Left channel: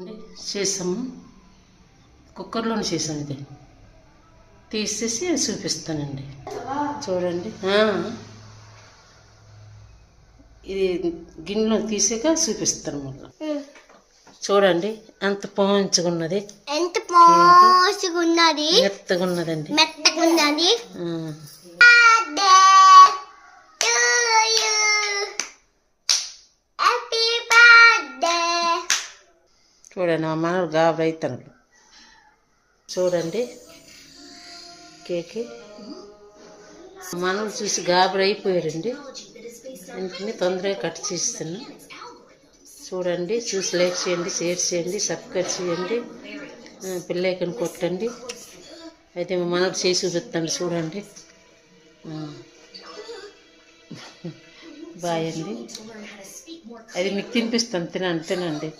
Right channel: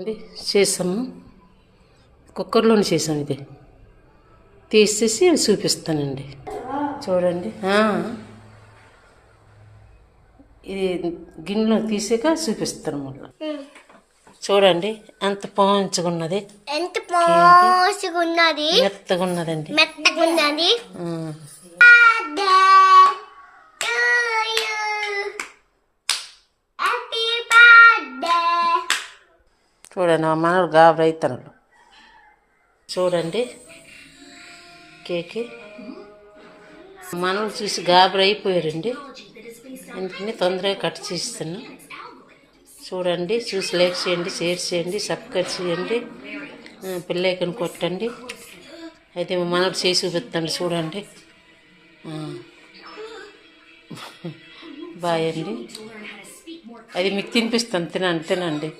అండి చేసాము, కుక్కర్లోనే చేసాము. ఇది తీసేసి చూపిస్తానండి, చూడండి. ఇది గిన్నెలో తీసాక చూపిస్తాను మళ్ళీ. చూడండి ఎంత పోంచుకున్నది, మెత్తగా ఉన్నదండి. చూడండి మా మనలు గాబరైతనులు. చూడండి కేక్ మనలు చూసి గాబరైపోయారండి, అందుకని తొందరగా కట్ చేస్తున్నాం. చూడండి, చూసి లైక్ చేయండి, షేర్ చేయండి, సబ్స్క్రైబ్ చేయండి, పిల్లైకని కొట్టండి. అయితే మా మనలు చేసి చూపిస్తాండి. చూడండి, బాయ్ అండి. అది మీకు తినిపిస్తాను, తినండి.